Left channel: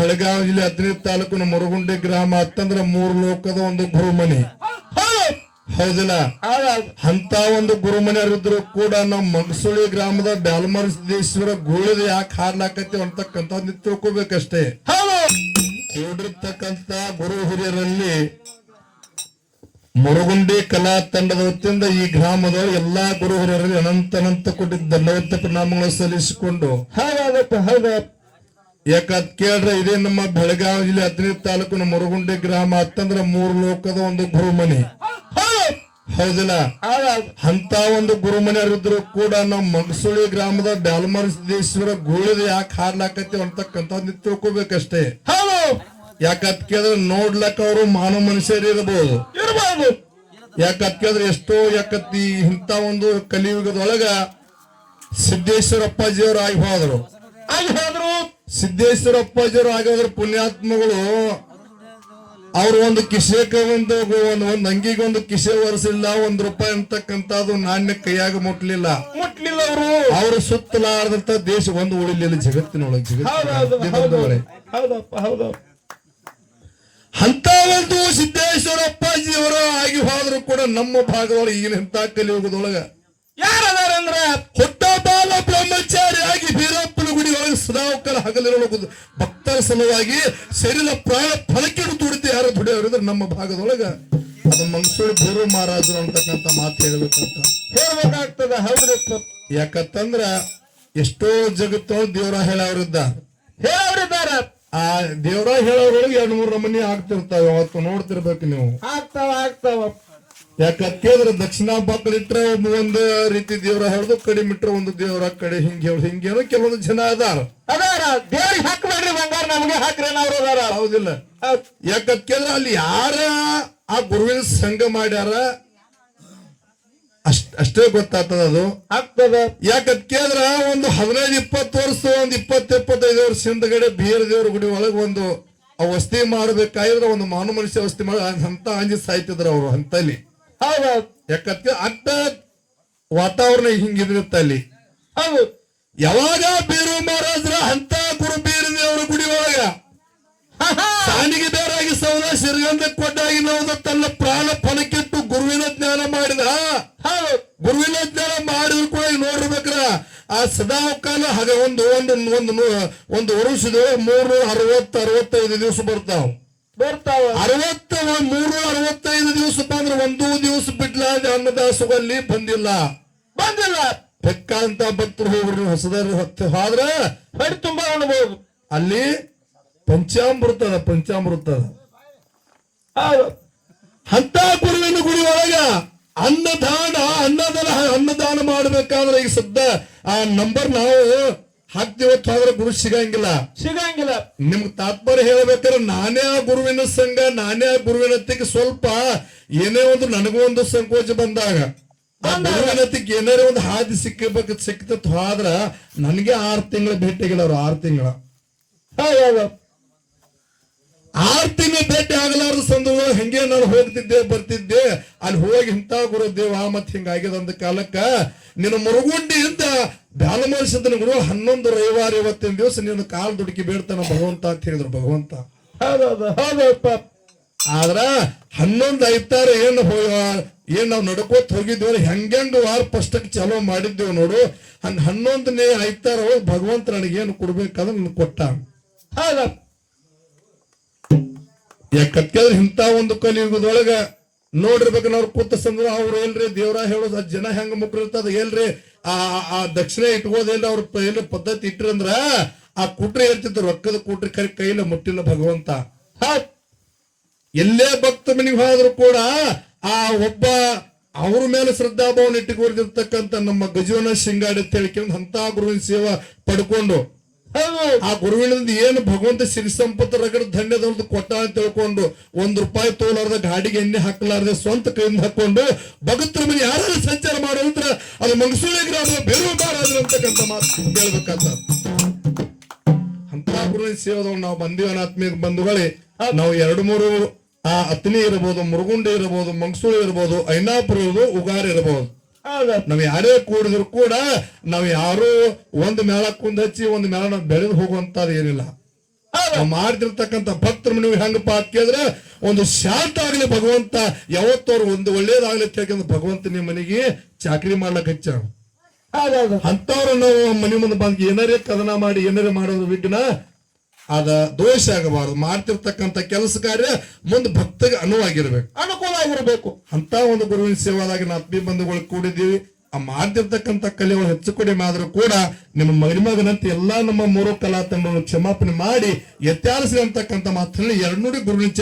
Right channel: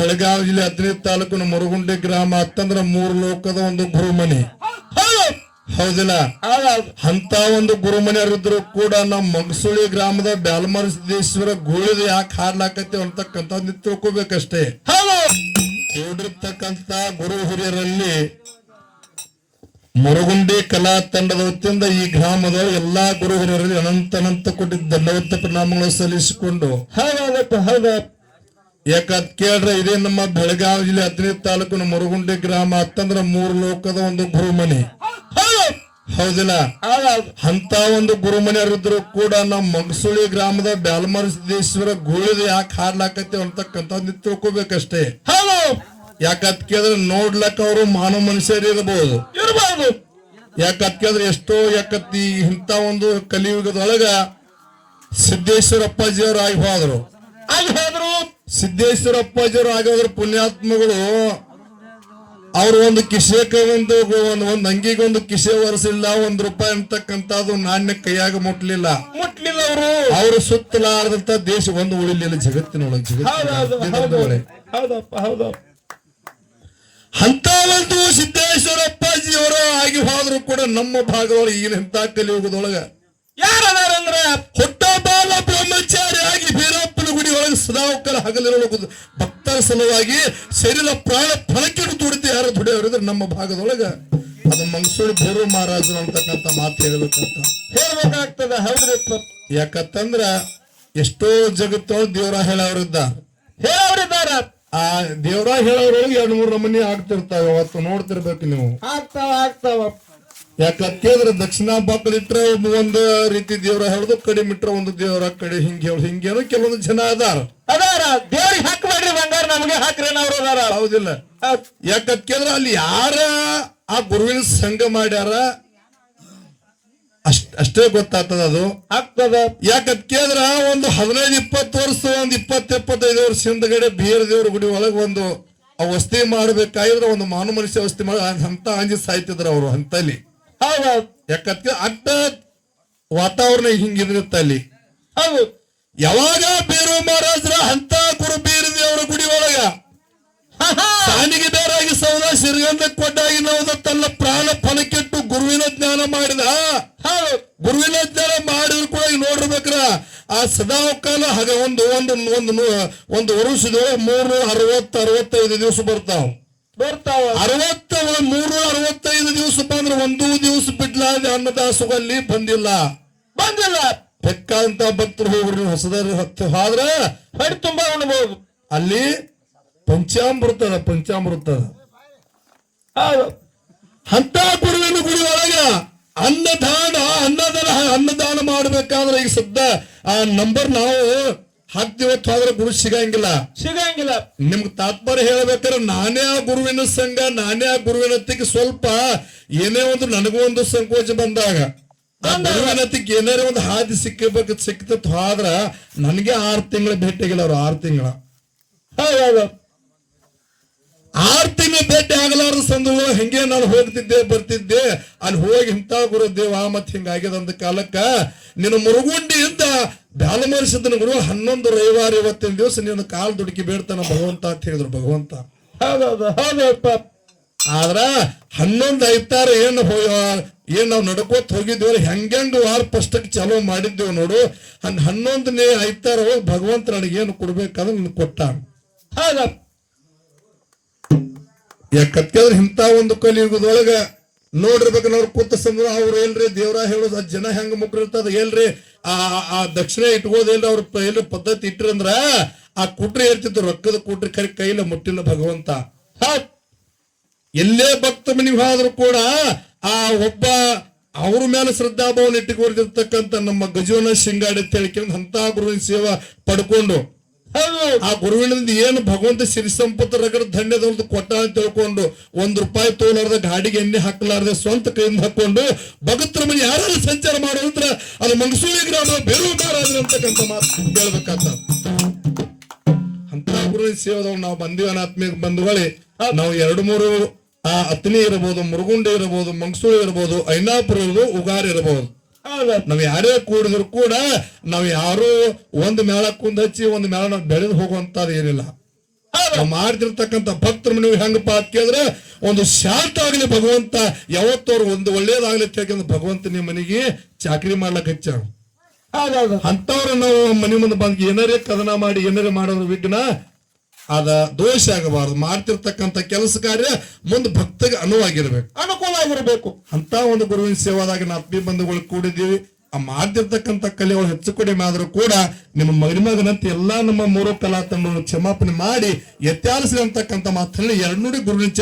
ಬೆಳಗಾವಿ ಜಿಲ್ಲೆ 15 ತಾಲೂಕಿನ ಮುರುಗುಂಡಿ ಗ್ರಾಮ ಅಂತಂದ್ರ 3 ಲೋಕದ ಒಂದು ಗುರುಮನಿ. ಹೌದಿಲ್ಲ? ಅಂತ ಒಂದು ಗುರುಮನೆಯವರಿದ್ರು ಕೂಡ ನಮ್ಮ ಮಂಗಸುಳಿ ಗ್ರಾಮದ ಬ್ಯಾಲಮರ ಸಿದ್ದೇಶ್ವರ ಗೋಳಿದ ಯಾಕೆ ಹಾಡ್ಲಾಕತ್ತೀವಿ ಅಂತಕ್ಕಂಥ ತಿಳ್ಕೋಬೇಕಷ್ಟೇ. ಕೂಡಿರ್ತಕ್ಕಂಥ ಗುರು ಹಿರಿಯರಲ್ಲಿ ಮುರುಗುಂಡಿ ಕಲಾ ತಂಡದ ವತಿಯಿಂದ ಈ ಗ್ರಾಮದ ಎಲ್ಲಾ ಗುರು ಹಿರಿಯರಲ್ಲಿ ಅನಂತ ಕೊಟ್ಟಿದ್ದ ಧನ್ಯವಾದ ಪರಿಣಾಮಗಳು ಸಲ್ಲಿಸಿಕೊಂಡು ಯಾಕಂತ ಕೇಳ್ರೆ ಇದೇ ನಮ್ಮ ಬೆಳಗಾವಿ ಜಿಲ್ಲೆ 15 ತಾಲೂಕಿನ ಮುರುಗುಂಡಿ ಗ್ರಾಮ ಅಂತಂದ್ರ 3 ಲೋಕದ ಒಂದು ಗುರುಮನಿ. ಹೌದಿಲ್ಲ? ಅಂತ ಒಂದು ಗುರುಮನೆಯವರಿದ್ರು ಕೂಡ ನಮ್ಮ ಮಂಗಸುಳಿ ಗ್ರಾಮದ ಬ್ಯಾಲಮರ ಸಿದ್ದೇಶ್ವರ ಗೋಳಿದ ಯಾಕೆ ಹಾಡ್ಲಾಕತ್ತೀವಿ ಅಂತಕ್ಕಂಥ ತಿಳ್ಕೋಬೇಕಷ್ಟೇ. ಯಾಕಂತ ಕೇಳಿದ್ರೆ ನೋಡ್ಲಕ್ಕ ಅವರು ಮಾನವ ಮನುಷ್ಯರು ಇರಬಹುದು. ಯಾಕಂತ ಕೇಳಿದ್ರೆ ಎಷ್ಟೋ ಯಾಕತ್ತಿ ಇಂಥ ಒಂದು ಕಲಿಯುಗದೊಳಗ ಸಿದ್ದೇಶ್ವರ ಅಪ್ಪಾಜಿಯವರು ಆಗಿ ಹೋದ್ರು. ಸಿದ್ದೇಶ್ವರ ಅಪ್ಪಾಜಿಯವರು ಆಗಿ ಹೋದ್ರ ಪುಣ್ಯಾತ್ಮಗಳು ಅವ್ರು ಒಂದು ಕಿಸೆಕ ಒಂದು ಅಂಗಿಗೆ ಒಂದು ಕಿಸೆ ಒರೆಸಿಲ್ಲ, ₹1 ಅಂತಕ್ಕಂಥದ್ದು ನಾಣ್ಯ ಕೈಯಾಗ ಮುಟ್ಲಿಲ್ಲ. ಅವರು ಸುತ್ತಲಾರದಂತ ದೇಶ ಒಂದು ಉಳಿಲಿಲ್ಲ ಜಗತ್ತಿನೊಳಗೆ. ಅಂತ ಒಂದು ಸಿದ್ದೇಶ್ವರ ಅಪ್ಪಾಜಿಯವರ ಆಗಿ ಹೋದ್ರು ಕೂಡ ನಮ್ಮ ಭಾಗದೊಳಗೆ ಈಗಿನ ಇಂಥ ಕಲಿಯುಗದೊಳಗ ಯಾರದಾರಂದ್ರ ಹೊಟ್ಟ ಬಾಲ ಬ್ರಹ್ಮಚಾರಿಯಾಗಿ ಬೀರಪ್ಪನ ಗುಡಿ ಒಳಗೆ ಸದಾವಕಲ ಹಗಲಿರೋ ಭಕ್ತರ ಸಲುವಾಗಿ ಶರೀರ ಪ್ರಾಯ ಫಲಕ್ಕಿಡು ದುಡಿದು ಯಾರು ದುಡಿಯೋರಿದ್ರೆ ನಮ್ಮ ಭಾಗದೊಳಗ ಅದು ಮಂಗಸೂಳಿ ಭೈರವ ಮಹಾರಾಜರು ಅಂತಕ್ಕಂಥ ಮಾತು ಹೇಳ್ಬೇಕಾಗ್ತದೆ. ಹೌದ್ರಿ? ಯಾಕಂತಂದ್ರ ಎಷ್ಟೋ ಜಗತ್ತು ದೇವರ ಹೇಳೋರಿದ್ದಾರೆ. ಆ ದೇವರ ಹೇಳೋರೊಳಗೆ 2-3 ನಮೂನಿ ಆಗ್ತಿರ್ತಾವ. ಅವತ್ತು ನೋಡ್ತಿರ್ಬೇಕು ನೀವು. ಆಗ್ತಾವ. ಯಾಕಂತ ಕೇಳಿದ್ರೆ ದಕ್ಷಿಣ ಬಾಕಲಿಟ್ರೆ ಒಂದು ರೀತಿ ದೇವರ ಹೇಳುದು, ಕಡಿಮೆ ಇಟ್ರೆ ಒಂದು ದೇವರ ಕಡೆ ಹಿಂಗೇನೋ ಕೆಲವೊಂದು ಜನ ಅದಾರ ದೇವ್ರಿಗೆ ಹಾಕ್ಬೇಡ್ರಿ ಬಂಗಾರ ನಮ್ಗೆ ಹಾಕ್ರಿ ಅವ್ರು. ಹೌದಿಲ್ಲ? ಯಾಕಂತ ಕೇಳಿದ್ರೆ ಅಲ್ಲಿ ಯಾರ ಆ ಗುರುವಿನ ಸಂಘ ಮಾಡ್ಯಾರ ಅಷ್ಟೇ ಗೊತ್ತಾಗ್ತದ. ಅದು ಆಗ್ತದ. ಯಾಕಂತ ಕೇಳಿದ್ರ ಒಂದು 15-20 ವರ್ಷ ಒಂದು 20-25 ವರ್ಷ ಹಿಂದಗಡೆ ಬೇರೆ ದೇವ್ರ ಗುಡಿ ಒಳಗೆ ಒಂದು ವಸ್ತಿ ಮಾಡ್ಬೇಕಾದ್ರೆ ಒಂದು ಮಾನವ ಮನುಷ್ಯ ವಸ್ತಿ ಮಾಡಿ ಅಂತ ಅಂಜಿ ಸಾಯ್ತಿದ್ರ ಅವರು ಅಂತಲ್ಲಿ. ಯಾಕಂತ ಅಡ್ಡ ವಾತಾವರಣ ಹಿಂಗಿರುತ್ತೆ ಅಲ್ಲಿ. ಹೌದು. ಯಾವಾಗ ಬೇರು ಮಹಾರಾಜರ ಅಂತ ಗುರು ಬೇರೆದೇವರ ಗುಡಿ ಒಳಗ ಸಾನಿಗೆ ಬೇರಾಗಿ ಸೌದ ಸಿರಿಗಂಧ ಕೊಟ್ಟಾಗಿ ನಾವು ತನ್ನ ಪ್ರಾಣ ಫಲಕ್ಕಿಟ್ಟು ಗುರುವಿನ ಜ್ಞಾನ ಮಾಡಿದ. ಗುರುವಿನ ಜ್ಞಾನ ಮಾಡಿದ್ರು ಕೂಡ ನೋಡಿರ್ಬೇಕ್ರ ಆ ಸದಾವಕಾಲ ಹಾಗೆ ಒಂದು ವರ್ಷದೊಳಗೆ 360-65 ದಿವಸ ಬರ್ತಾವ. 365 ದಿವಸ ಬಂದ್ರೆ ಒಂದು ದಿವಸ ಬಿಡ್ಲಾದ ಅನ್ನದಾಸೋಗಲ್ಲಿ ಬಂದಿಲ್ಲ. ಬೆಕ್ಕಂತ ಭಕ್ತರು ಹೋಗ್ರಿ ಹೊಸದಾರ ಹೊತ್ತು ಹೋದ್ರ ಹೊಡಿ ತುಂಬಾ ಅನ್ಬೋದು. ಅಲ್ಲಿ ಪಂಚಾಮೃತ ಅಂತ ಗುರುವಿನ ಗುಡಿ ಒಳಗ ಅನ್ನದಾನ ಮಾಡ್ಬೇಕಾದ್ರೆ ಈಗ ಸದ್ದ ಆ ನಂಬರ್ ನಾವು ಹಾಕ್ತಿವತ್ತು ಹೋದ್ರೆ ಗುರು ಸಿಗಂಗಿಲ್ಲ. ನಿಮ್ಗೆ ತಾತ್ಪರ್ಯ ಹೇಳ್ಬೇಕಾದ್ರೆ ನಾನೇ ಆ ಗುರುವಿನ ಸಂಘ, ನಾನೇ ಆ ಗುರುವಿನತ್ತಿಗೆ ಸ್ವಲ್ಪ ಏನೇ ಒಂದು ನನಗೂ ಒಂದು ಸಂಕೋಚ ಬಂದಾಗ ಆ ಗುರುವಿನತ್ತಿಗೆ ಏನಾರ ಒಂದು ಹಾದಿ ಸಿಕ್ತತ್ ಹೋದ್ರ ನನಗೆ 6 ತಿಂಗಳ ಭೇಟಿಗಿಲ್ಲ. ಅವ್ರು 6 ತಿಂಗಳ 6 ತಿಂಗಳ ಭೇಟಿ ಆಗಲಾರದ ಸಂದರ್ಭ ಹೆಂಗೆ ನಾನು ಹೋಗ್ತಿದ್ದೆ ಬರ್ತಿದ್ದೆ. ಅಲ್ಲಿ ಹೋಗಿ ಇಂಥ ಗುರುದೇವ ಮತ್ ಹಿಂಗಾಗ್ಯದ ಅಂದ ಕಾಲಕ್ಕ ನಿನ್ನ ಮುರುಗುಂಡಿಯಿಂದ ಬ್ಯಾಲಮರಿಸಿದನ ಗುರು 11 ರವಿವಾರ 21 ದಿವಸ ನೀನು ಕಾಲ್ ದುಡುಕಿ ಬೇಡ್ತಾನ ಭಗವಂತ ಅಂತ ಹೇಳಿದ್ರು. ಭಗವಂತ ಆದ್ರ 11 ಐತಾರ ಏನ್ ನಾವು ನಡ್ಕೋತ ಹೋಗಿದ್ದೇವ ಹೆಂಗ ವಾರ ಫಸ್ಟಕ್ಕೆ ಚಾಲೂ ಮಾಡಿದ್ದೇವ್ ನೋಡು. 11ನೇ ಐತಾರ ಹೋಗಿ ಭಗವಂತ ನನಗೇನು ಕೊಡ್ಬೇಕಾದ್ರೆ ನನ್ ಕೊಟ್ಟ. ಯಾಕಂದ್ರೆ ಇಂಥ ಒಂದು ಕಲಿಯುಗದೊಳಗ ನೋಡಿರ್ಬೇಕು. ನಾವು ಕೂತ ಸಂದ್ರ ಅವ್ರು ಏನ್ರಿ ದೇವ್ರ ಹೇಳೋದು ಜನ ಹೆಂಗ ಮುಕ್ರಿರ್ತದ ಏನ್ರಿ ಆ ದಕ್ಷಿಣ ಇಟ್ಕೋದೇನ್ರಿ ಅವ್ರ ಏನ್ರಿ ಪದ್ಧತಿ ಇಟ್ರಂದ್ರ ಆ ಕುಟ್ರಿ ಹೇಳ್ತಿದ್ರು. ರೊಕ್ಕದ ಕುಟ್ರಿ ಕೈಲ ಮುಟ್ಟಿಲ್ಲ ಭಗವಂತ. ಎಲ್ಲೇ ಭಕ್ತ ಮನೆಗೆ ಹೋದ್ರು ಕೂಡ ಆ ಒಬ್ಬ ಅವ್ರ ಮೇಲೆ ಶ್ರದ್ಧಾಭಾವನ ಇಟ್ಟುಕೊಂಡಿರ್ತಕ್ಕಂಥ ನಮ್ಮ ಗಜವನ ಶಿಂಗಾಡಿ ಅಂತ ಹೇಳ್ಕೊಂಡು ಅಂತ ಗುರುವಿನ ಸೇವಾ ಪಡ್ಕೊಂಡು ಆ ಗುರುವಿನಿಂದ ಏನು ಭಗವಂತ ಸಿರಿ ಸಂಪತ್ತು ರಗಡ ಧನ್ಯದ ಕೊಟ್ಟ ಅಂತ ತಿಳ್ಕೊಂಡು ₹1 ತೋಲಾರ್ದ ಗಾಡಿಗೆ ಎಣ್ಣೆ ಹಾಕಲಾರ್ದೆ ಸ್ವಂತ ಕೈಯಿಂದ ಹಾಕೊಂಡು ಭಗತ್ರ ಮನೆ ಯಾರು ಸಂಚಾರ ಮಾಡೋದ್ರ ಅದು ಮಂಗಸೂಳಿ ಗ್ರಾಮ ಬೇರು ಮಹಾರಾಜರು ಅಂತಕ್ಕಂಥ ಮಾತು ಹೇಳ್ಬೇಕಾಗ್ತ. ಅಂತ ಗುರುವಿನ ಸೇವಾದವ್ರು ನಾವು ಬಂದಿವನ ಆತ್ಮೀಯ ಬಂಧುಗಳೇ. ನಾವು 2-3 ಅತ್ನಿ ಇರಬಹುದು, ಮುರುಗುಂಡಿ ಇರಬಹುದು, ಮಂಗಸೂಳಿ ಇರಬಹುದು, ಐನಾಪುರ ಇರಬಹುದು, ಉಗಾರ್ ಇರಬಹುದು. ನಾವ್ ಯಾರೇ ಕೂಡಿದ್ರು ಕೂಡ ನಾವ್ ಯಾರು ಒಂದು ಮೇಳ ಕುಂದ್ ಹಚ್ಚಿ ಒಂದು ಮೇಳ ನಾವು ಬೆಳೆದು ಹೋಗುವಂತದ್ದು ಏನಿಲ್ಲ. ನಾವು ಮಾಡ್ತಿರ್ತಕ್ಕಂಥ ಭಕ್ತರ ಮನೆಗೆ ಹೆಂಗಪ್ಪ ಅಂತ ಕೇಳಿದ್ರೆ ಒಂದು ಶಾಂತ ಆಗ್ಲಿ ಭಗವಂತ ಯಾವತ್ತವ್ರು ಒಂದು ಒಳ್ಳೇದಾಗ್ಲಿ ಅಂತ ಭಗವಂತ ನಿಮ್ಮ ಮನೆಗೆ ಚಾಕರಿ ಮಾಡ್ಲಕ್ ಹಚ್ಚ ಅಂತವ್ರ ನಾವು ಮನೆ ಮುಂದೆ ಬಂದ್ ಏನಾರೇ ಕದನ ಮಾಡಿ ಏನಾರೇ ಮಾಡೋದ್ರ ವಿಘ್ನ ಅದ ದೋಷ ಆಗಬಾರದು. ಮಾಡ್ತಿರ್ತಕ್ಕಂಥ ಕೆಲಸ ಕಾರ್ಯ ಮುಂದೆ ಭಕ್ತಗೆ ಅನುಕೂಲ ಆಗಿರ್ಬೇಕು ಅಂತ ಒಂದು ಗುರುವಿನ ಸೇವಾದಾಗ ನಾವು ಆತ್ಮೀಯ ಬಂಧುಗಳು ಕೂಡಿದ್ದೀವಿ. ಆ ಮಾಡ್ತಿರ್ತಕ್ಕಂಥ ಕಲೆಗಳು ಹೆಚ್ಚು ಕಡಿಮೆ ಆದ್ರೂ ಕೂಡ ನಿಮ್ಮ ಮಗನಂತೆ ಎಲ್ಲಾ ನಮ್ಮ ಮೂರು ಕಲಾ ತಂಡಗಳು ಕ್ಷಮಾಪಣೆ ಮಾಡಿ ಎತ್ತಾರಿಸಿ ಅಂತಕ್ಕಂಥ ಮಾತಲ್ಲಿ 2 ನುಡಿ ಗುರುವಿನ